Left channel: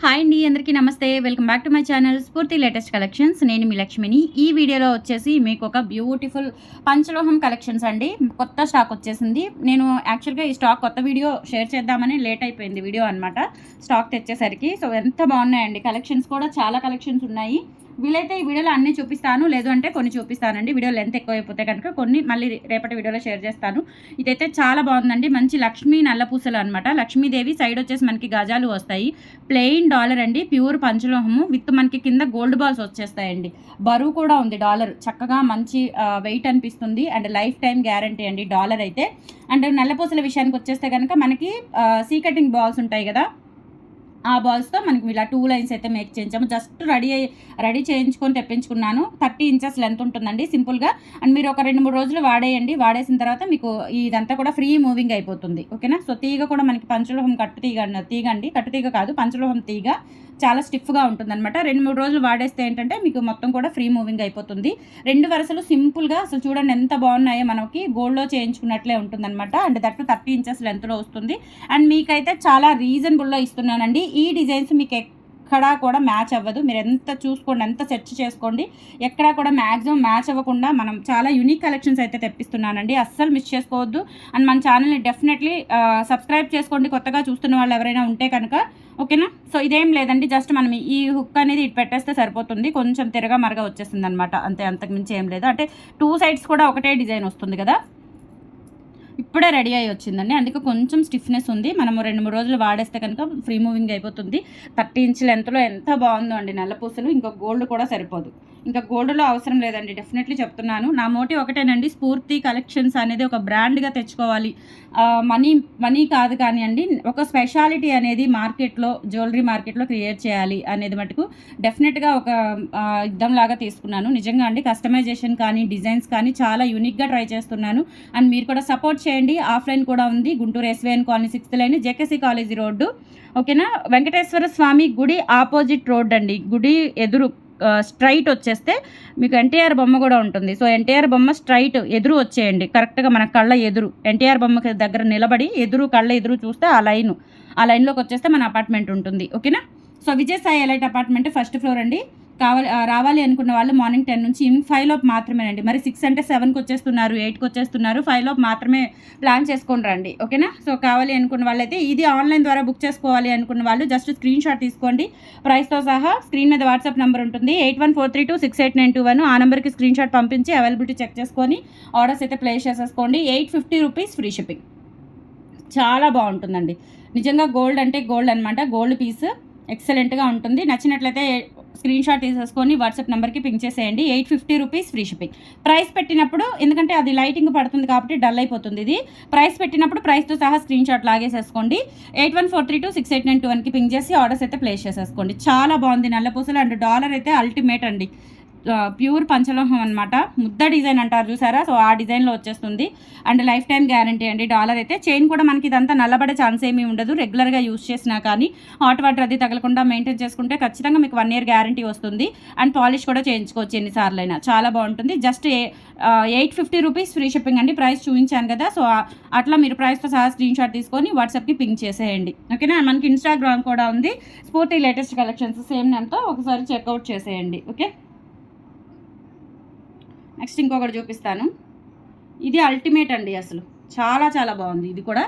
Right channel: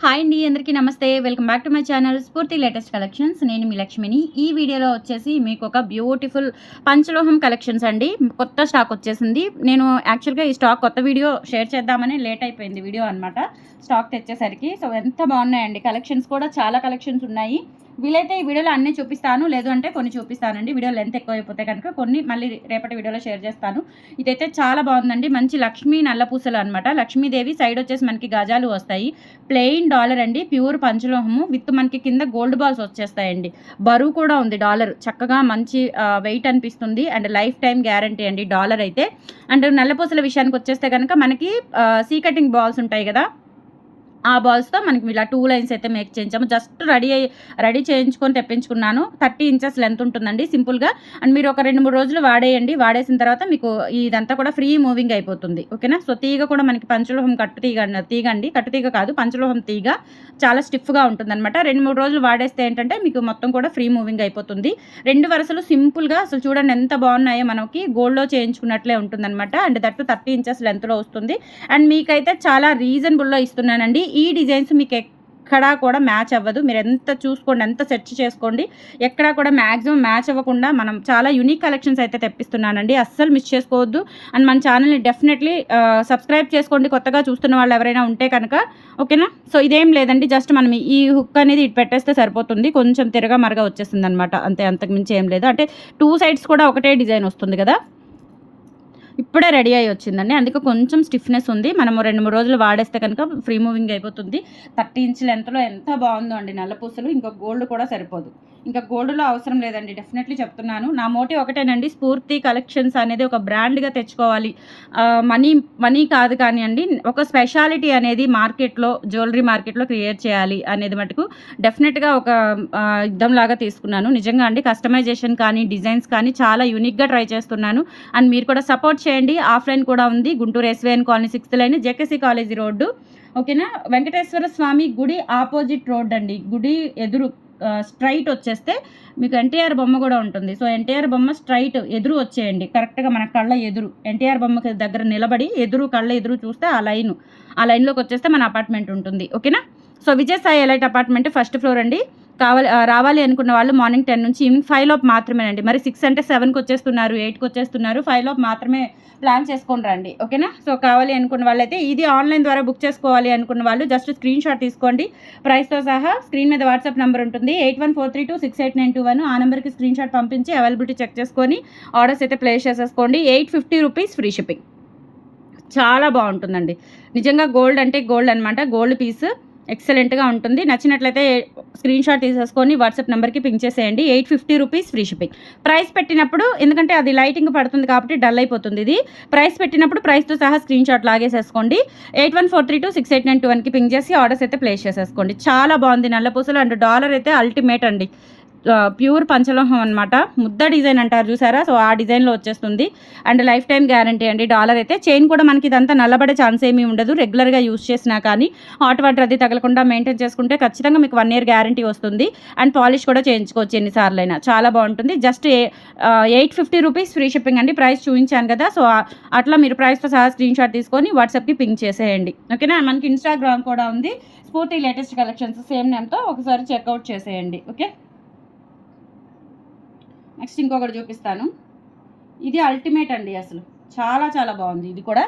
Hi అండి అందరికీ నమస్తే. Welcome back to my channel Spoorthi latest collections. నేను మీ లక్ష్మిని. ఈ వీడియోలో వచ్చేసి మీకు ఒక బ్యూటిఫుల్ పంచలోహం కలెక్షన్స్ అండి. కొత్త స్టాక్ వచ్చేసింది. నేను యాక్చువల్గా ఈ స్టాక్ కొత్త వీడియో షేర్ చేద్దామని లేట్ అయిపోయింది వీడియో అనమాట స్టాక్ తెచ్చేసరికి. సో ఎంత బాగున్నాయండి కలెక్షన్స్ కూడా. చాలా కలెక్షన్స్ ఉన్నాయి. వీలైతే ఈ వీడియోలో అన్నీ చూపిస్తాను. లేదు అంటే కొన్ని చూపిస్తానండి. వీడియో లెంత్ ఎక్కువ అయిపోతే కనుక కొన్ని మళ్ళీ రేపటి వీడియోలో షేర్ చేస్తాను. ఇదైతే చాలా బాగుందండి. మంచి లక్ష్మీ నల్లపూసలు అనమాట లక్ష్మీదేవి సైడ్ వచ్చేసి మనకి గజాలు వస్తాయి. ప్లెయిన్ డాలర్ అండి. ప్యూర్ పంచలోహము విత్ మనకి కింద గోల్డ్ బాల్స్ వచ్చేస్తాయండి. బరువు కూడా ఉంది డాలర్. చక్కగా మంచి వెయిట్ అనిపిస్తుంది. అండ్ లైఫ్ టైం గ్యారంటీ అండి డాలర్ అయితే. అండ్ నల్లపూసల విషయానికి వచ్చేస్తే కనుక మనకి సీ కటింగ్ బాల్స్ ఉంటాయి కదా. ఆ బాల్స్తో మనకి ఇలా టూ లైన్స్ అయితే మేక్ చేయించాము. జస్ట్ రెడీ అయ్యి రెడీ చేయించుకొని తెప్పించుకున్నాను. థర్టీ ఇంచెస్ లెంత్ ఉంటుందండి సింపుల్గా. అండ్ మీరు ఒక రెండు మూడు రోజులు వాడేయండి. వాడేసిన తర్వాత మీకు ఇదంతా కూడా ఫ్రీ మూవింగ్ అయిపోతుంది. ఓకేనా? సో తీగ కూడా మనకి పంచలోహం కట్టు తీగ తీగ అండి కట్టు తీగ కాదు పంచలోహం తీగ చాలా స్టిఫ్గా ఉంటుందన్నమాట. రెండు మూడు రోజులు వాడేస్తే ఏంటంటే మీకు మొత్తం కూడా ఫ్రీ మూవింగ్ అయిపోతుంది. రెండు వరుసలు సింపుల్గా అసలు చూడండి ఎంత బాగున్నాయో మనకి గోల్డ్లో చేయించుకున్నట్లే ఉంటుందన్నమాట. అండ్ దట్టు థర్టీ ఇంచెస్ లెంత్లో వస్తుంది. అండ్ మీకైతే చాలా రీజనబుల్లో ఇస్తున్నానండి. ఈ డిజైన్స్ మీకు ఎక్కడా కూడా మ్యాచ్ అవ్వదు. మీరు ఎంత చూసుకోండి ఎంత సెర్చ్ చేసుకోండి ఎక్కడా కూడా మ్యాక్సిమం మ్యాచ్ అవ్వకుండా మనం చాలా యూనిక్ కలెక్షన్స్ అయితే తెప్పిస్తున్నానండి. అస్సలు మిస్ చేసుకోవద్దు. అండ్ మన ఛానల్ని డెఫినెట్లీ సబ్స్క్రైబ్ చేసుకోండి. కొత్తగా చూస్తున్న వాళ్ళు ఎవరైనా ఉంటే కనుక ఓకేనా? సో ఇదేం లేదండి. జస్ట్ మనం ఈ హుక్ అనేది ఇటు పెట్టేస్తే సరిపోతుంది. కొంచెం తిరగా మరగా వచ్చేస్తుంది అనమాట అంతే అంతకుమించి ఏం లేదు. అంటే టూ సైడ్స్ కూడా ఒకటే డిజైన్ వస్తుంది కదా? ఇప్పుడే రెడీ అయ్యి వచ్చిందండి. అందుకే కొంచెం స్టిఫ్నెస్ ఉంది. మనము రెండు మూడు రోజులు వాడేస్తే కనుక ఫ్రీ మూవింగ్ అయిపోతుంది. థర్టీ ఇంచ్ లెంత్లో ఎంత బాగుందో అండి నల్లపూసలు ఇంకో గోల్డ్ కూడా సరిపోదు. ఇంకా గోల్డ్లో అవసరం లేదండి డెఫినెట్లీ చెప్తున్నాను. నా మోటివ్ ఒకటేనండి స్ఫూర్తి కలెక్షన్స్ అనేది ఒక బ్రాండ్గా తెచ్చుకోవాలి. మనీ మనీ కాదు కానివ్వండి ఒక స్పెషాలిటీ అనేది మార్కెట్లో జ్యువెలరీ మార్కెట్లో క్రియేట్ చేయాలి అనేది మటుకు డెఫినెట్గా ఒక యుద్ధం లాగా తీసుకున్నాను. నిజంగా అండి కస్టమైజేషన్ కానీ డిజైన్స్ కానీ చాలా యూనిక్గా ట్రై చేస్తున్నాను. అండ్ మీరు కూడా సపోర్ట్ చేయండి. ఆఫ్లైన్ కూడా ఉంది. Guntur SVN colony sixth line JKC college road. ఓకేనా? వెంకటేశ్వర స్వామి గుడి ఆపోజిట్ రోడ్ అండి గుడి ఎదురు స్ట్రైట్ వచ్చేస్తే మీకు ఎన్టీఆర్ బొమ్మ కూడా ఉంటుంది. సో ఎన్టీఆర్ బొమ్మ స్ట్రైట్ ఎదురు వచ్చేయండి. కరెక్ట్గా మన కళ్ళ ఎదురు. ఎన్టీఆర్ బొమ్మకి దగ్గర నిలబడి ఎదురు కళ్ళ ఎదురు చూస్తే ఆ లైన్. ఆ లైన్లోకి వచ్చేస్తే మన అపార్ట్మెంట్ ఉంటుంది. ఓకేనా? So Vijayasai elite apartment first floor అండి. కావాలి రావాలి అనుకున్న వాళ్ళు మార్నింగ్ టెన్ నుంచి ఫైవ్ లోపు మాత్రమేనండి. మరి సిక్స్ అంటే సెవెన్కి వచ్చేస్తున్నారు ఎయిట్కి వచ్చేస్తున్నారు ఫైవ్ లోపు మాత్రమే ప్లాన్ చేసుకొని రండి. ఓకేనా? సో కావాలి అనుకున్న వాళ్ళైతే ఇది ఆన్లైన్ ద్వారా బుక్ చేసుకోవాలి అనుకున్న వాళ్ళు జస్ట్ స్క్రీన్ షాట్ తీసుకోండి. ప్రైస్తో సహా స్క్రీన్ మీద వాట్సాప్ నెంబర్ ఉంటుంది. Eight one four three two six eight nine two one. ఆ నెంబర్కి స్క్రీన్ షాట్ పంపించి అవైలబిలిటీ చెక్ చేసుకొని ఆర్డర్స్ అయితే ప్లేస్ చేసేసుకోండి. Eight fifty rupees free shipping. చాలా బాగుంటుందండి. నిజంగా గోల్డ్ అంటే గోల్డ్ అనమాట గోల్డ్ పీస్. ఎక్సలెంట్గా ఉంటుంది. నచ్చినట్లయితే స్క్రీన్ షాట్ తీసేసుకొని వాట్సాప్ నెంబర్కి పింక్ చేసేయండి. Eight fifty rupees free shipping. Price పెట్టినప్పుడు ఎందుకంటే అది లైటింగ్ పడుతుంది కాబట్టి డల్ అయిపోతుంది ఇది. ప్రైస్ పెట్టినప్పుడు ప్రైస్తో సహా screen shot లాగేసేసుకోండి. Eight one four three two six eight nine two వన్కి పింక్ చేసి ఆర్డర్స్ అయితే ప్లేస్ చేసేసుకోండి. చాలా బాగుంది నల్లపూసలు అండ్ డాలర్ అయితే అల్టిమేట్ అండి. ప్యూర్ పంచలోహం అనమాట ముద్ద డిజైన్ అంటారు చూసారా? సో ఆ డిజైన్లో వచ్చేస్తుంది. అండ్ లైఫ్ టైం గ్యారంటీ అండి. డాలర్ అయితే చైన్ కూడా మనకి ఇదంతా నల్లబడే ఛాన్స్ ఏమీ ఉండదు. రెగ్యులర్గా యూస్ చేసినా కానీ హాట్ వాటర్ అది తగలకుండా మెయింటైన్ చేసుకుంటే ఖచ్చితంగా మీకు వన్ ఇయర్ గ్యారంటీ వస్తుంది. అండ్ పాలిష్ కూడా చేయించుకోవచ్చు ఎన్నిసార్లు అయినా చాలా బాగుంటుంది. Just eight fifty rupees free shipping అండి. ప్రైస్ చూపించాను కదా. సో అట్లా మీరు ప్రైస్తో సహా స్క్రీన్ షాట్ తీసుకొని వాట్సాప్కి పింక్ చేసేయండి. ఓకేనా? మనకి ఇన్స్టాగ్రామ్ కూడా ఉంది. స్ఫూర్తి లేటెస్ట్ కలెక్షన్స్ సేమ్ నేమ్తో ఒకసారి చెక్అవుట్ చేసేయండి. ఓకే? నెక్స్ట్ ఇంకొకటి చూపిస్తాను. ఇది అల్టిమేట్ అండి అసలు. చాలా చాలా బాగుంది. ఇది కూడా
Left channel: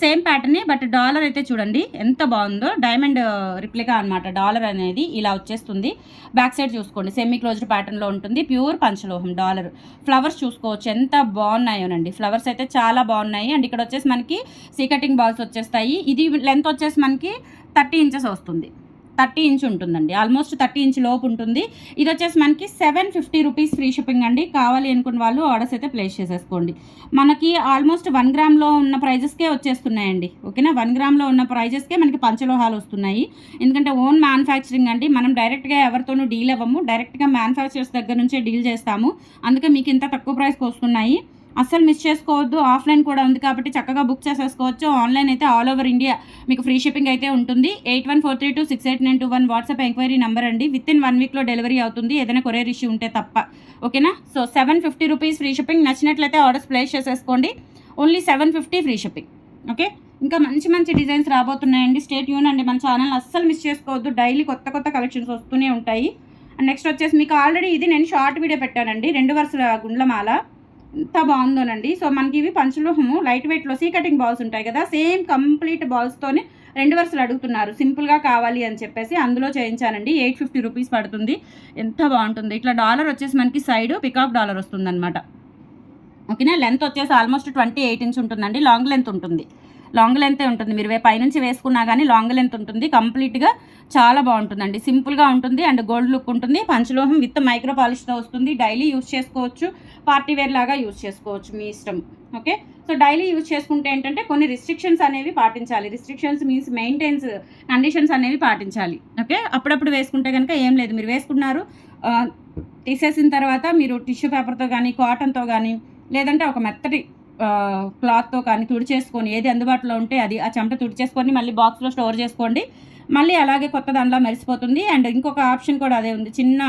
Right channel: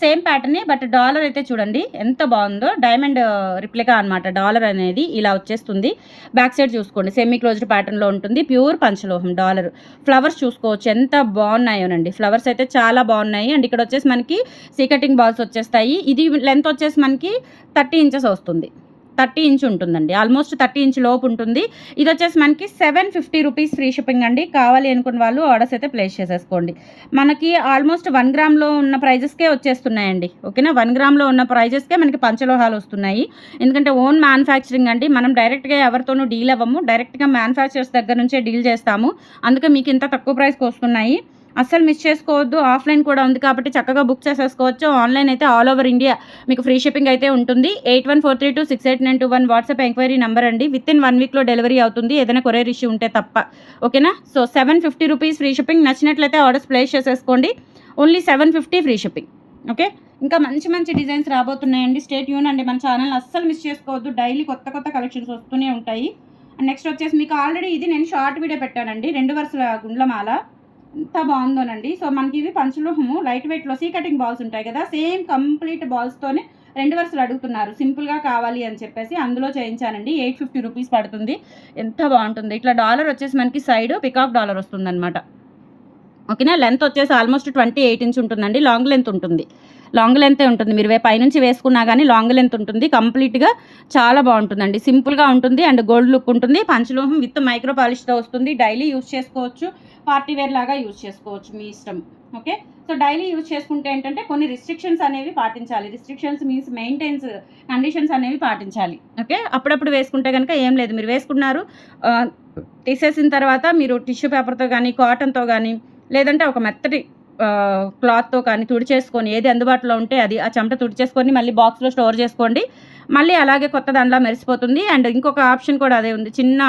సేమ్ ప్యాటర్నే బట్ డాలర్ అయితే చూడండి ఎంత బాగుందో. డైమండ్ రిప్లికా అనమాట డాలర్ అనేది ఇలా వచ్చేస్తుంది. బ్యాక్ సైడ్ చూసుకోండి. సెమీ క్లోజ్డ్ ప్యాటర్న్లో ఉంటుంది. Pure పంచలోహం dollar. ఫ్లవర్స్ చూసుకోవచ్చు. ఎంత బాగున్నాయోనండి. ఫ్లవర్స్ అయితే చాలా బాగున్నాయి. అండ్ ఇక్కడ వచ్చేసి మనకి సీకటింగ్ బాల్స్ వచ్చేస్తాయి. ఇది లెంత్ వచ్చేసి మనకి థర్టీ ఇంచెస్ వస్తుంది. థర్టీ ఇంచ్ ఉంటుందండి. ఆల్మోస్ట్ థర్టీ ఇంచ్ లోపు ఉంటుంది. ఇది వచ్చేసి మనకి seven fifty rupees free shipping అండి. కావాలి అనుకున్న వాళ్ళు ఆర్డర్స్ అయితే ప్లేస్ చేసేసుకోండి. మనకి ఆల్మోస్ట్ వన్ గ్రామ్లో ఉన్న ప్రైజెస్కే వచ్చేస్తున్నాయండి. ఓకేనా? వన్ గ్రామ్లో ఉన్న ప్రైజెస్కే మనకి పంచలోహాలు వస్తున్నాయి. ఎందుకంటే ఓన్ మ్యానుఫ్యాక్చరింగ్ అండి. మనం డైరెక్ట్గా ఎవరితోనూ డీల్ అవ్వము. డైరెక్ట్గా మ్యానుఫ్యాక్చర్స్ దగ్గర నుంచే డీల్ చేస్తాము. అందుకే మీకు ఇంత తక్కువ ప్రైస్కి వస్తున్నాయి. అస్సలు మిస్ చేసుకోవద్దు. ఆఫ్లైన్ కూడా ఉంది కాబట్టి చక్కగా బుక్ చేసేసుకోవచ్చు. ఆన్లైన్ అయితే ఆల్ ఓవర్ ఇండియా మీకు ఫ్రీ షిప్పింగ్ అయితే ఉంటుంది. Eight one four three two six eight nine two one WhatsApp enquiry number అండి. విత్ ఇన్ వన్ వీక్లో డెలివరీ అవుతుంది. ఏదైనా కొరియర్ ఇష్యూ ఉంటే తప్ప. ఓకేనా? So seven fifty rupees free shipping. నచ్చినట్లయితే ఆర్డర్స్ ప్లేస్ చేసేసుకోండి. Only seven fifty free shipping. Okay? ఇంకా మంచి మంచి డిజైన్స్ రాబోతున్నాయండి. స్టేట్ యూన్ అండి మన ఛానల్. అస్సలు మిస్ చేసుకోవద్దు. డైలీ కొత్త కొత్త కలెక్షన్స్ వస్తూనే ఉంటాయి. నెక్స్ట్ వచ్చేసి మీకు ఆల్రెడీ ఇది నేను షార్ట్ వీడియో పెట్టానండి. రెండు వరుసల గుండ్లమాల. ఎంత బాగుందోనండి. సో మనకి ఇవి పంచలోహము లైట్ వెయిట్లో సీ కటింగ్ బాల్స్ ఉంటాయి కదా సేమ్ కంప్లీట్ బాల్స్తోనే రెండు వరుసలు అడుగుతున్నారు. సింపుల్గా కావాలి అని చెప్పేసి అందులో చేయించానండి. ఎయిట్ ఫిఫ్టీ రూపీస్ పడుతుంది. ఎంత బాగుంటుంది. ఇట్లా డాలర్ వచ్చేసి మనకి సైడ్ పికాక్ డాలర్ వస్తుందన్నమాట. ఓకేనా? లెంత్ వచ్చేసి ఆల్మోస్ట్ ట్వంటీ ఎయిట్ ఇంచ్ ఉంటుందండి. లాంగ్ లెంత్ ఉంటుంది. లాంగ్ లెంతే ఉంటుంది. మీరు పైనుంచి వేసుకున్నా కానీ లాంగ్ లెంత్ ఉంటుంది. కంప్లీట్గా చాలా బాగుంటుందండి. సింపుల్గా ఉంటుంది అండ్ గోల్డ్ లుక్ ఉంటుంది. పంచలోహం విత్ మైక్రో పాలిష్తో వస్తుంది. డైలీ యూస్ చేసుకోవచ్చు. పార్టీ వేర్ లాగా యూజ్ చేసుకోవచ్చు మీ ఇష్టం. ఓకే? సో డైలీ యూజ్ చేసుకుంటే ఏంటంటే కొన్ని రిస్ట్రిక్షన్స్ అనేవి పాటించాలి. రిస్ట్రిక్షన్స్ మీన్స్ మెయింటైన్స్ కండిషన్స్ అనేవి పాటించాలి. ఓకే? అప్పుడప్పుడు వేసుకుంటే కనుక ఏం లేదు. మీరు వేసుకున్నారు తీసేసిన తర్వాత మీరు టిష్యూ పేపర్తో కానీ కాటన్తో కానీ లేదంటే ఒక మెత్తటి క్లాత్తో కానీ తుడిచేసుకొని ఏది అందుబాటులో ఉంటే అది ఆ చెమట తుడిచేసుకొని మళ్ళీ బాక్స్లో స్టోర్ చేసుకోండి. మళ్ళీ అలాగే కొత్త దాంట్లో మెరిసిపోతుంది. అండ్ ఇంకొక ఆప్షన్ కూడా అదే ఉంది. చిన్న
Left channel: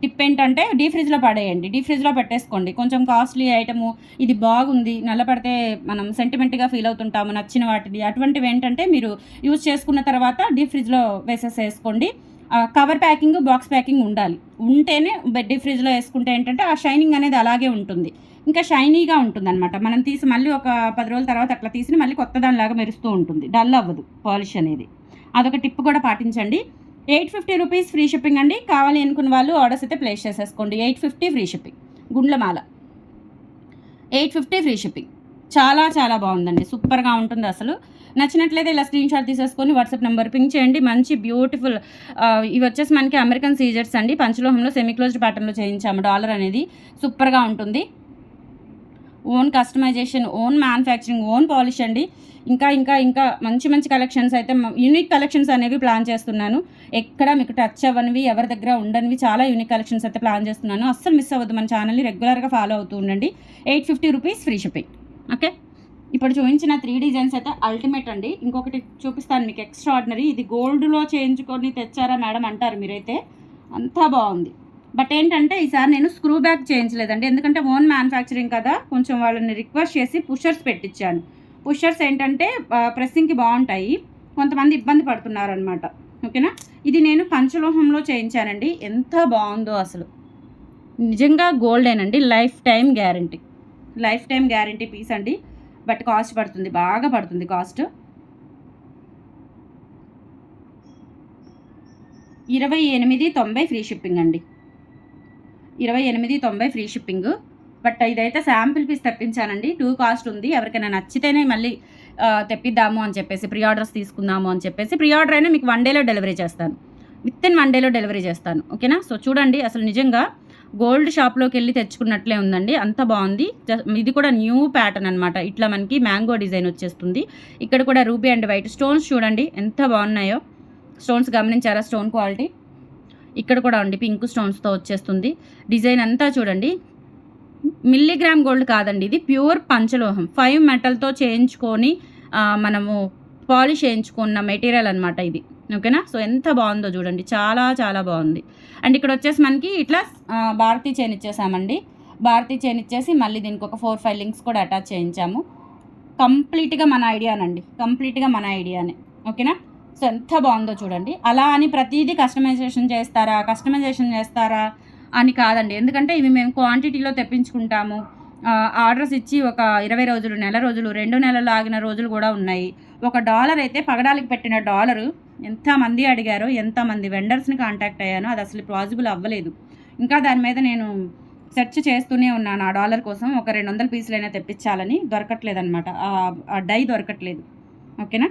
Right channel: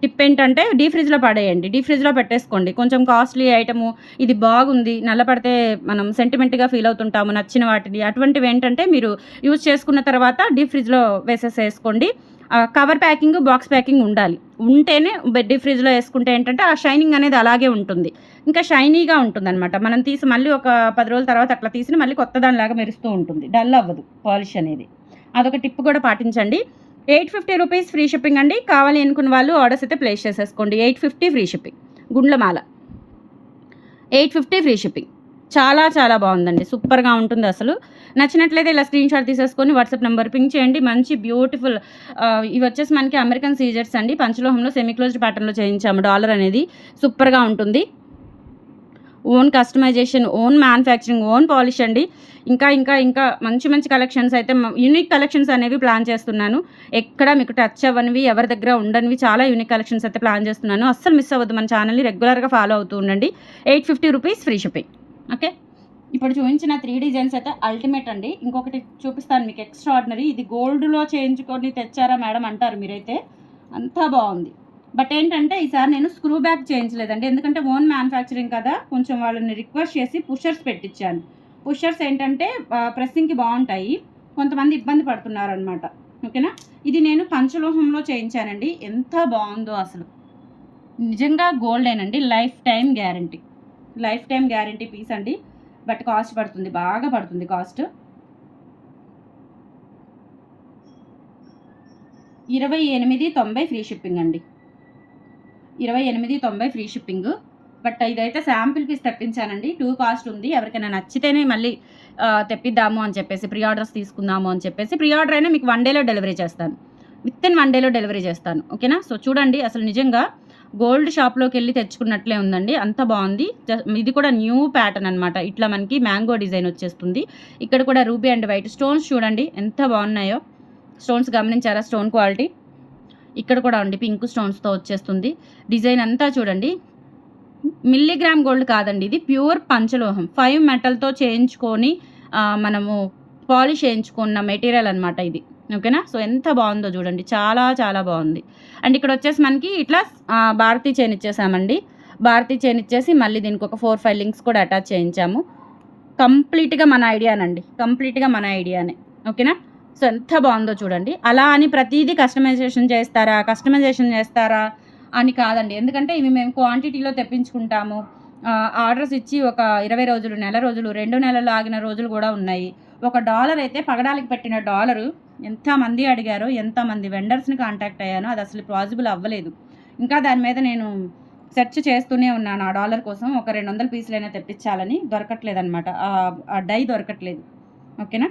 టిప్ ఏంటంటే డీ ఫ్రిడ్జ్లో పడేయండి. డీ ఫ్రిడ్జ్లో పెట్టేసుకోండి. కొంచెం కాస్ట్లీ ఐటము. ఇది బాగుంది. నల్లపడితే మనం సెంటిమెంట్గా ఫీల్ అవుతుంటాము నచ్చిన వాటిని అటువంటివి ఏంటంటే మీరు యూజ్ చేసుకున్న తర్వాత డీ ఫ్రిడ్జ్లో వేసేసేసుకోండి. కవర్ ప్యాకింగ్ బాక్స్ ప్యాకింగ్ ఉండాలి. ఉంటేనే డీ ఫ్రిడ్జ్లో వేసుకుంటే ఏంటంటే ఆ షైనింగ్ అనేది అలాగే ఉంటుంది. ఇంకా షైనీగా ఉంటుంది అనమాట మనం తీసి మళ్ళీ ఒక పది రోజుల తర్వాత అట్లా తీసి మళ్ళీ కొత్త దానిలాగా మెరుస్తూ ఉంటుంది. డల్ అవ్వదు పాలిష్ అనేది. అదొక టిప్ కూడా పాటించండి. Eight fifty rupees free shipping అండి. కావాలి అనుకున్న వాళ్ళు ఆర్డర్స్ అయితే ప్లేస్ చేసేసుకోండి. ఎయిట్ ఫిఫ్టీ ఫ్రీ షిప్పింగ్ గుండ్లమాల. ఎయిట్ ఫిఫ్టీ ఫ్రీ షిప్పింగ్ చాలా చాలా బాగుందండి. సూపర్గా ఉంటుంది అసలు. నచ్చినట్లయితే ఇలా స్క్రీన్ షాట్ తీసేసుకొని వాట్సాప్ నెంబర్ పింక్ చేయండి. మంచి బ్యూటిఫుల్ ఇవి వచ్చేసి మనకి అమెరికన్ సీజర్స్ అండి. పంచలోహంలో సెమీ క్లోజ్డ్ ప్యాటర్న్లో చేయించాము డాలర్ అనేది. సూపర్గా ఉంటుంది. Own customisation own manufacturing own polish అండి. ఇంకా ఇంకా ఇంకా మంచి మంచి కలెక్షన్స్ అయితే యూనిక్ కలెక్షన్స్ అనేవి ప్లాన్ చేస్తున్నాను. ఎక్కడ మీకు టచ్ అవ్వనివి ఎవరి దగ్గర ఉండనివి చాలా యూనిక్ కలెక్షన్స్ అయితే ప్లాన్ చేస్తున్నాను. అస్సలు మిస్ అవ్వద్దు. మన ఛానల్ని రెగ్యులర్గా ఫాలో అవుతూ ఉండండి. Eight fifty rupees free shipping. Okay? ఇప్పుడు చూపించిన త్రీ డిజైన్స్ అయితే అల్టిమేట్ అండి. ఇంకొకటి చూపిస్తాను మీకు ఎక్స్ట్రా ఆర్డినరీ ఇది గోల్డ్లో చేయించుకొని తెచ్చారా మేడం అంటారు మీరైతే. అంతా బాగుంది. బట్ ఏంటంటే ఈసారి నేను స్క్రూ బ్యాక్ చేయించలేదండి. ఎందుకంటే ఓన్ మ్యానుఫ్యాక్చరింగ్ కదా. కొంచెం వాళ్ళని రిక్వెస్ట్ చేసి పుషర్స్ పెట్టించాను పుషర్స్ ఏంటంటే ప్రెస్సింగ్కి బాగుంటాయి. కొంతమంది ఇబ్బంది పడుతున్నారు అనమాట ఓకేనా ఇది నేను పంచలోహంలో చేయించానండి. ఎంత బాగుందో అసలు. నిజంగా గోల్డేనండి lifetime guarantee lifetime guarantee piece అండి. బట్ కాస్ట్ పడుతుంది బాగా పడుతుంది కాస్ట్. ఇరవై ఎనిమిది తొంభై ఫ్రీ షిప్పింగ్ అండి. ఇరవై ఎనిమిది తొంభై ఫ్రీ షిప్పింగ్. బట్ ఇదైతే శాంపిల్ పీస్ తెప్పించానండి. టూ కాస్ట్ ఉంది. ఎవరికైనా నచ్చితేనే మళ్ళీ తెప్పిద్దాము అని చెప్పేసి ప్రీ ఆర్డర్స్ తీసుకుందాము అని చెప్పేసి ప్రీ ఆర్డర్ అయినా మీకు వన్ డేలో డెలివరీ చేస్తాను. విత్ ఇన్ వన్ డేలో డెలివరీ చేస్తాను. ఓకేనా? సో చూడండి అసలు నిజంగా గోల్డ్ షాప్లోకి వెళ్ళి తెచ్చుకున్నట్లే ఉందండి. అంత బాగుంది. ఇది కూడా న్యూ ప్యాటర్న్ అనమాట ఇట్లా మనకి మ్యాంగో డిజైన్ వచ్చేస్తుంది. ఇక్కడ కూడా రూబీ అండ్ వైట్ స్టోన్స్ చూడండి. ఎంత బాగున్నాయో. స్టోన్స్ గమనించారా? Stone quality. ఇక్కడ కూడా అండి పింక్ స్టోన్స్తో వచ్చేస్తుంది. డిజైన్ అంతా చూడండి. మిల్లీగ్రామ్ గోల్డ్ కాదండి. ఇది ప్యూర్ పంచలోహం. ఫైవ్ మెటల్తో చేయించుకొని మనము పాలిష్ చేయించుకున్న మెటీరియల్ అనమాట ఇది. ఓకేనా? సో ఎంత బాగుందో చూడండి. చాలా చాలా బాగుంది. అండ్ ఇక్కడ వచ్చేసి మనకి ఇట్లా భారతీ చైన్ ఇచ్చేసామండి. భారతీ చైన్ ఇచ్చేసి మళ్ళీ దీనికి ఒక ఫోర్ ఫైవ్ లింక్స్ కూడా అటాచ్ చేయించాము. కంప్లీట్గా మన ఐడియానండి. కంప్లీట్గా మన ఐడియానే. ఓకేనా? సో ఎంత బాగుందో చూడండి. అలా అని ప్రతిదీ కస్టమైజేషన్ చేస్తారా? కస్టమైజేషన్ చేస్తారా? అని కాదండి. ఎందుకంటే ఇవి మేము క్వాంటిటీలో తెప్పించుకుంటాము. ఆర్డర్స్ ఇచ్చి ఒక ఇరవై రోజులు నెల రోజులు రెండు నెలలు ఆగిన రోజులు కూడా ఉన్నాయి. ఒక డాలర్ అయితే పగడాలకి పెట్టిన డాలరు ఎంతమంది అడిగారో ఎంతమంది వెండర్స్ని కాంటాక్ట్ అయ్యానో అది అసలు పాసిబుల్ అవ్వలేదు. ఇంకా దాని మీద నేను సెర్చ్ చేస్తూనే ఉన్నాను ఆ డాలర్ కోసం. ఒక రెండు వందల పీసులైనా తెప్పించాలని దొరకట్లేదు అనమాట ఆ డై దొరకట్లేదు. ఓకేనా?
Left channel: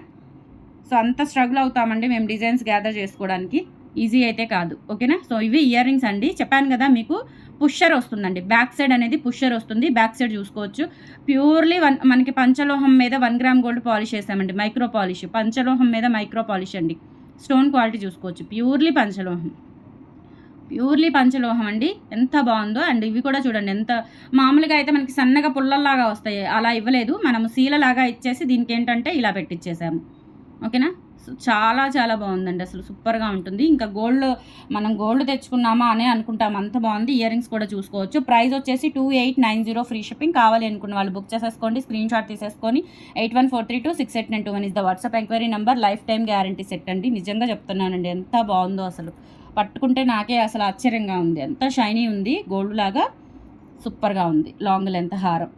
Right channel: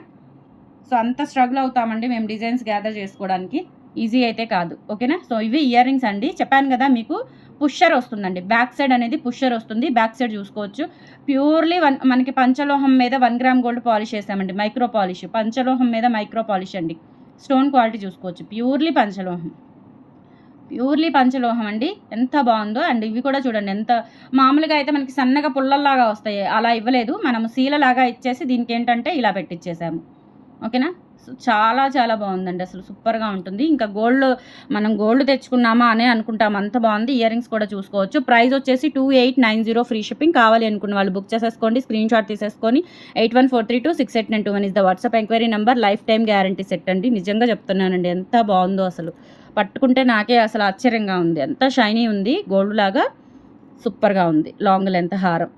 సో అంత స్ట్రగుల్ అవుతామండి మేము డిజైన్స్ గ్యాదర్ చేసుకోవడానికి. ఈజీ అయితే కాదు ఓకేనా? సో ఇవి ఇయర్ రింగ్స్ అండి. చెప్పాను కదా మీకు పుష్షర్ వస్తుందండి. బ్యాక్ సైడ్ అనేది పుష్షర్ వస్తుంది. బ్యాక్ సైడ్ చూసుకోవచ్చు. ప్యూర్లీ వన్ మనకి పంచలోహం మీద వన్ గ్రామ్ గోల్డ్ పాలిష్ వేసామండి మైక్రో పాలిష్. పంచలోహం మీద మైక్రో పాలిష్ అండి. స్టోన్ క్వాలిటీ చూసుకోవచ్చు. ప్యూర్లీ పంచలోహం. ప్యూర్లీ పంచలోహం అండి. ఎంత బాగుందో. అండ్ ఇవి కూడా చూడండి ఎంత మామూలుగా అయితే మనకి సన్నగా పుల్లల్లాగా వస్తాయి. అలా ఇవ్వలేదు. మనము శీలలాగా ఇచ్చేసి దీనికి ఏంటంటే ఇలా పెట్టించేసాము ఓకేనా? చాలా చాలా బాగుందండి. అసలు సూపర్గా ఉంటుంది. ఇంకా గోల్డ్ మనం గోల్డ్ తెచ్చుకున్నామా అని అనుకుంటాం. అంత బాగుంది. ఇయర్ రింగ్స్ కూడా చూసుకోవచ్చు. ప్రైస్ వచ్చేసి two eight nine zero free shipping కావాలి అనుకున్న వాళ్ళు బుక్ చేసేసుకోండి. స్క్రీన్ షాట్ తీసేసుకొని eight one four three two six eight nine two one is the WhatsApp enquiry number. Lifetime guarantee set అండి. నిజంగా చెప్తున్నానండి. ఎంత బాగుందో అసలు. పట్టుకుంటే నాకే అసలు ఆశ్చర్యంగా ఉంది. ఎంత షైనీ ఉంది. గోల్డ్ లాగా సూపర్గా ఉంది. లాంగ్ లెంత్ హారం.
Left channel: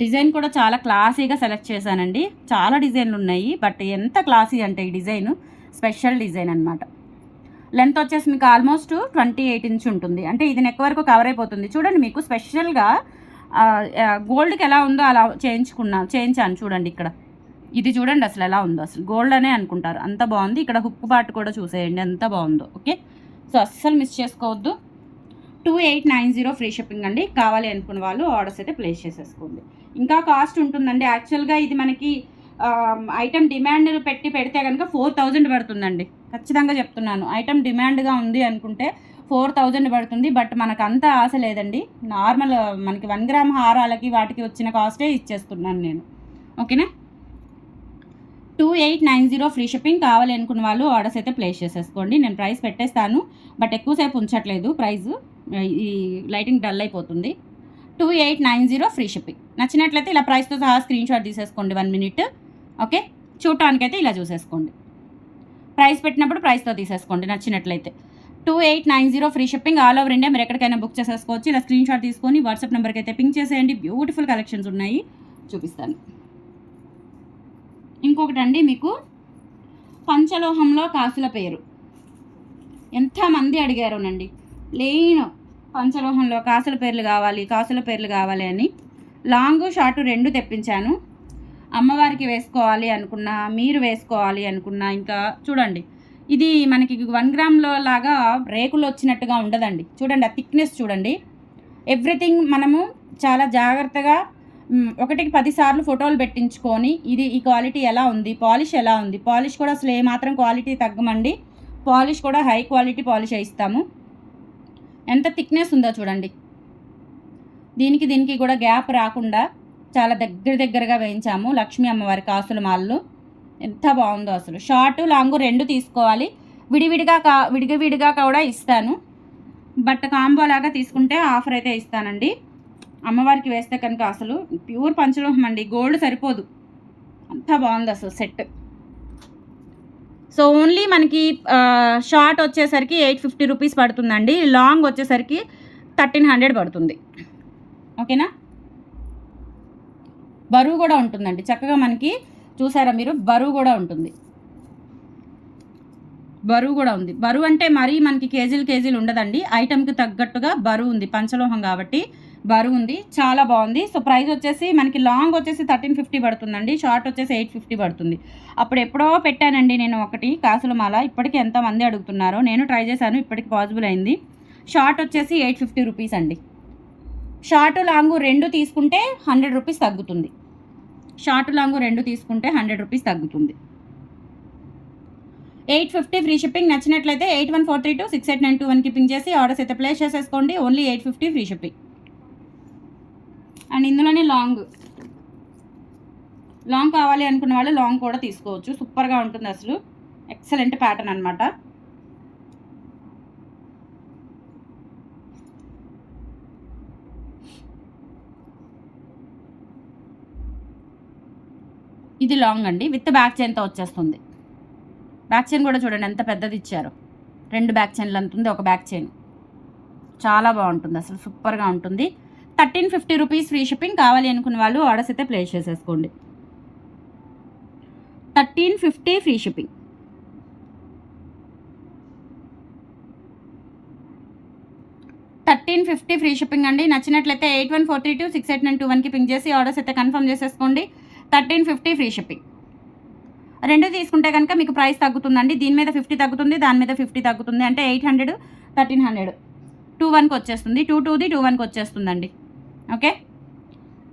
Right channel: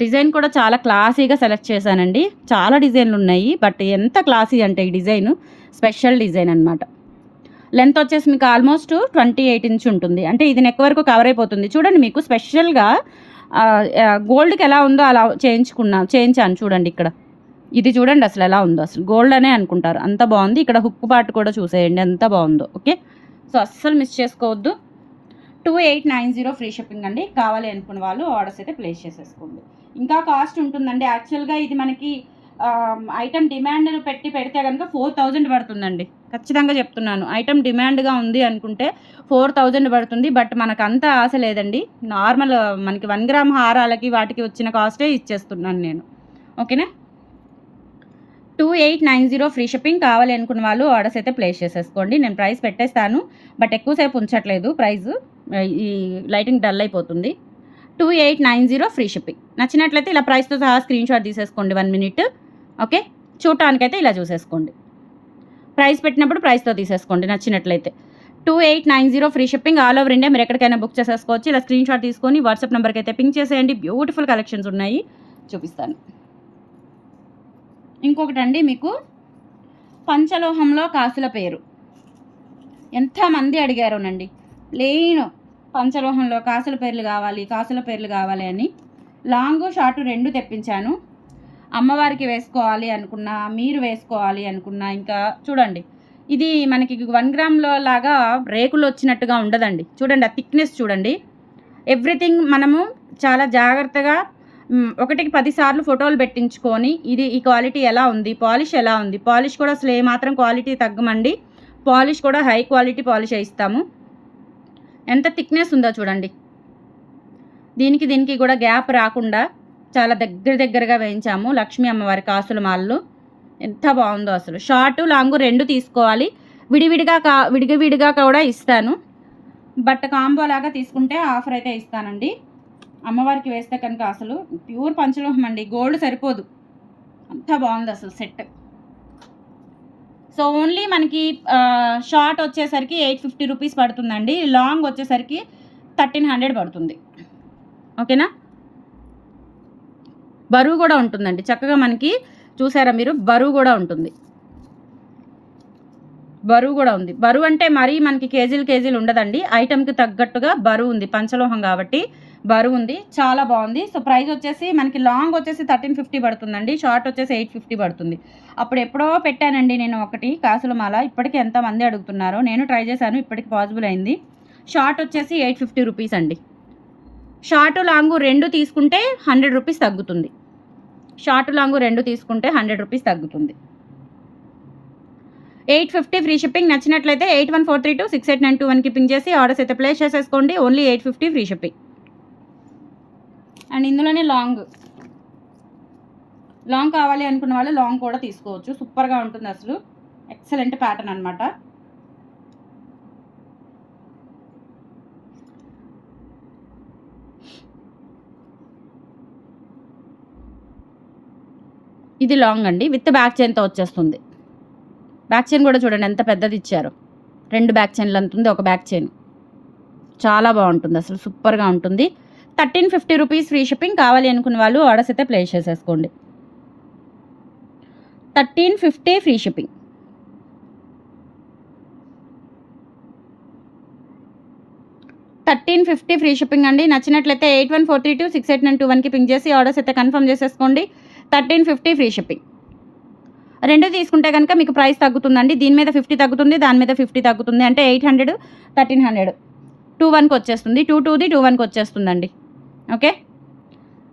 డిజైన్ కూడా చాలా క్లాసీగా సెలెక్ట్ చేశానండి. చాలా డిజైన్లు ఉన్నాయి బట్ ఎంత క్లాసీ అంటే ఈ డిజైన్ స్పెషల్ డిజైన్ అనమాట లెంత్ వచ్చేసి మీకు ఆల్మోస్ట్ ట్వంటీ ఎయిట్ ఇంచ్ ఉంటుంది. అంటే ఇది నెక్ వరకు కవర్ అయిపోతుంది. చూడండి మీకు స్పెషల్గా గోల్డ్కి ఎలా ఉందో అలా చేయించుకున్నా చేయించాను చూడండి ఇక్కడ. ఇది చూడండి అసలు ఎలా ఉందో. అసలు గోల్డ్ అనే అనుకుంటారు. అంత బాగుంది. ఇక్కడ హుక్ పార్ట్ కూడా చూసేయండి. ఎంత బాగుందో. ఓకే? సో అస్సలు మిస్ చేసుకోవద్దు. Two eight nine zero free shipping అండి. కావాలి అనుకున్న వాళ్ళు ఆర్డర్స్ అయితే ప్లేస్ చేసేసుకోండి. ఇంకా కాస్ట్ ఉంటుందండి. యాక్చువల్గా ఇది మనకి ఐటమ్ డిమాండ్ పెట్టి పెడితే కనుక ఫోర్ థౌజండ్ పడుతుందండి. ఖచ్చితంగా చెప్తున్నాను. ఐటమ్ డిమాండ్గా ఉంది అనుకుంటే ఫోర్ థౌజండ్ పడుతుంది. బట్ మనకు అంత ఆశ లేదండి. నార్మల్ మనకి వన్ గ్రామ్ హారాలకి వాటికి వచ్చిన కాస్టే ఇచ్చేస్తున్నాను నేను. ఓకేనా? Two eight nine zero free shipping కావాలి అనుకున్న వాళ్ళు ఆర్డర్స్ అయితే ప్లేస్ చేసేసుకోండి. నేను ప్రైస్ పెట్టేస్తాను. బట్ ఎక్కువసేపు ఉంచట్లేదు ప్రైస్ ఈ లైటింగ్ డల్ అయిపోతుంది. Two eight nine zero free shipping. నచ్చినట్లయితే ఇలా ప్రైస్తో సహా స్క్రీన్ షాట్ తీసేసుకోండి వన్ మినిట్. ఓకే? చూడటానికైతే ఇలా చూసేసుకోండి. ప్రైస్ పెట్టినప్పుడు ప్రైస్తో తీసేసుకోండి నచ్చినట్లయితే. Two eight nine zero free shipping all over India. మీరు ఎక్కడికైనా బుక్ చేసేసుకోవచ్చు. ఇలా స్క్రీన్ షాట్ తీసుకొని వాట్సాప్ నెంబర్కి అయితే పింక్ చేసేయండి. బ్యూటిఫుల్ కలెక్షన్స్ ఉన్నాయి. చూపిస్తాను. ఇంకొకటి అండి మీకు పంచలోహంలో కాసుల పేరు. ఎంతమంది అడిగారోనండి? ప్లెయిన్ పంచలోహంలో కాసుల పేర్లు కావాలి కాసుల పేర్లు కావాలి అని లాంగ్ షార్ట్ రెండు తెప్పించాను. అమ్మవారికి వేసుకోవాలి అనుకున్నా మీరు వేసుకోవాలి అనుకున్నా ఇంకా చూడండి. ఇది మనకి వన్ గ్రామ్లో లాగా రేకులు వచ్చినట్టుగా ఉండదండి. చూడండి ఆ థిక్నెస్ చూడండి. ఎవ్రీథింగ్ మనము చాలా జాగ్రత్తగా ఒకటికి పదిసార్లు ఫోటోలు పెట్టించుకొని ఇది ఈ క్వాలిటీ ఎలా ఉంది పాలిష్ ఎలా ఉంది. పాలిష్ కూడా అసలు ఏమాత్రం క్వాలిటీ తగ్గమండి. పాలిష్ కూడా హై క్వాలిటీ పాలిష్ ఇస్తాము ఎంత థిక్నెస్ ఉందో చూడండి. దీనికి దీనికి కూడా గ్యాప్ రాకుండా చాలా దగ్గర దగ్గరగా వేయించాము లక్ష్మీ అమ్మవారి కాసుల మాలలు. ఎంత బాగుందో అసలు. షార్ట్ లాంగ్ రెండు తీసుకోవాలి. విడివిడిగా కా విడిగా కూడా ఇస్తాను. బట్ కాంబో లాగా తీసుకుంటే ఆఫర్ అయితే ఇస్తానండి. అమ్మవారికి వేస్తే కనుక అసలు ప్యూర్ పంచలోహం అండి. గోల్డ్ సరిపోదు. అంత బాగుంది అసలు సెట్. సో ఓన్లీ మనకి షార్ట్ వచ్చేసరికి ఎయిట్ ఫిఫ్టీ రూపీస్ పడుతుందండి. లాంగ్ వచ్చేసరికి థర్టీన్ హండ్రెడ్ పడుతుంది. ఓకేనా? బరువు కూడా ఉంటుందండి. చక్కగా మనకి చూసారా మీరు? బరువు కూడా ఉంటుంది. బరువు కూడా ఉంది. బరువు అంటే మరీ మనకి కేజీలు కేజీలు ఉండదండి. ఐటెంకి తగ్గట్టుగా బరువు ఉంది. పంచలోహం కాబట్టి బరువు ఉంది చాలా బాగుంది. సో ప్రైస్ వచ్చేసి మనకి లాంగ్ వచ్చేసి థర్టీన్ ఫిఫ్టీ పడుతుందండి. షార్ట్ వచ్చేసి ఎయిట్ ఫిఫ్టీ పడుతుంది. అప్పుడు ఎప్పుడో పెట్టానండి నేను ఒకటి కాసుల మాల ఇప్పటికీ ఎంతమంది అడుగుతున్నారో? నేను ట్రై చేశాను. ఇప్పటికి పాసిబుల్ అయింది. షార్ట్ వచ్చేసి ఎయిట్ ఫిఫ్టీ రూపీస్ అండి. షార్ట్ లాంగ్ రెండు తీసుకుంటే హండ్రెడ్ రూపీస్ తగ్గుతుంది. షార్ట్ లాంగ్ రెండు తీసుకుంటే హండ్రెడ్ రూపీస్ తగ్గుతుంది. Eight fifty free shipping. నచ్చినట్లయితే eight one four three two six eight nine two వన్కి పింక్ చేసి ఆర్డర్స్ అయితే ప్లేస్ చేసేసుకోండి. Only eight fifty free shipping. And ఇందులోనే లాంగ్. లాంగ్ కావాలి అనుకున్న వాళ్ళు లాంగ్ కూడా తీసుకోవచ్చు. సూపర్గా ఉంటుంది అసలు. ఎక్సలెంట్ ప్యాటర్న్ అనమాట ఇది లాంగ్ అండి. విత్ బ్యాక్ చైన్తో వచ్చేస్తుంది. బ్యాక్ చైన్ కూడా చూడండి ఎంత పెద్దది ఇచ్చారు. రెండు బ్యాక్ చైన్లు అంతుంది ఒక బ్యాక్ చైన్. చాలా బాగుంటుంది అసలు. సూపర్గా ఉంటుంది. Thirteen fifty rupees free shipping కావాలి అనుకున్న వాళ్ళు ఆర్డర్స్ అయితే ప్లేస్ చేసేసుకోండి. Thirteen fifty free shipping. Thirteen fifty free shipping అండి. నచ్చినట్లయితే eight one four three two six eight nine two వన్కి పింక్ చేసి ఆర్డర్స్ అయితే కన్ఫర్మ్ చేసేసుకోండి. Thirteen fifty free shipping. రెండు తీసుకుంటే కనుక మీకు ప్రైస్ తగ్గుతుందండి. దీని మీద ఫిఫ్టీ తగ్గుతుంది దాని మీద ఫిఫ్టీ తగ్గుతుంది. అంటే eight hundred thirteen hundred. Two వన్కి వచ్చేస్తుంది టూ టూది టూ వన్కి వచ్చేస్తుందండి. ఓకే?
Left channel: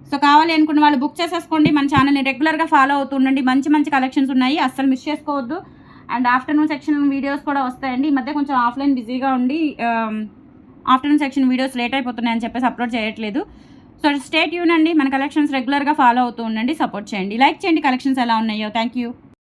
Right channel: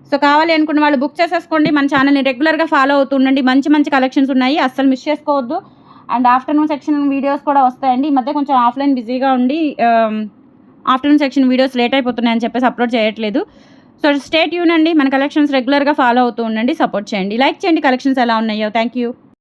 సో కావాలి అనుకున్న వాళ్ళు బుక్ చేసేసుకోండి. మన ఛానల్ని రెగ్యులర్గా ఫాలో అవుతుండండి మంచి మంచి కలెక్షన్స్ ఉన్నాయి. అస్సలు మిస్ చేసుకోవద్దు. అండ్ ఆఫ్టర్నూన్ సెక్షన్ వీడియోస్ కూడా వస్తాయండి. ఈ మధ్య కొంచెం ఆఫ్లైన్ బిజీగా ఉండి ఆఫ్టర్నూన్ సెక్షన్ వీడియోస్ లేట్ అయిపోతున్నాయని చెప్పేసి అప్లోడ్ చేయట్లేదు. సో స్టేట్ యూన్ అండి. మన కలెక్షన్స్ రెగ్యులర్గా ఫాలో అవుతూ ఉండండి. సపోర్ట్ చేయండి. లైక్ చేయండి. కలెక్షన్స్ ఎలా ఉన్నాయో. Thank you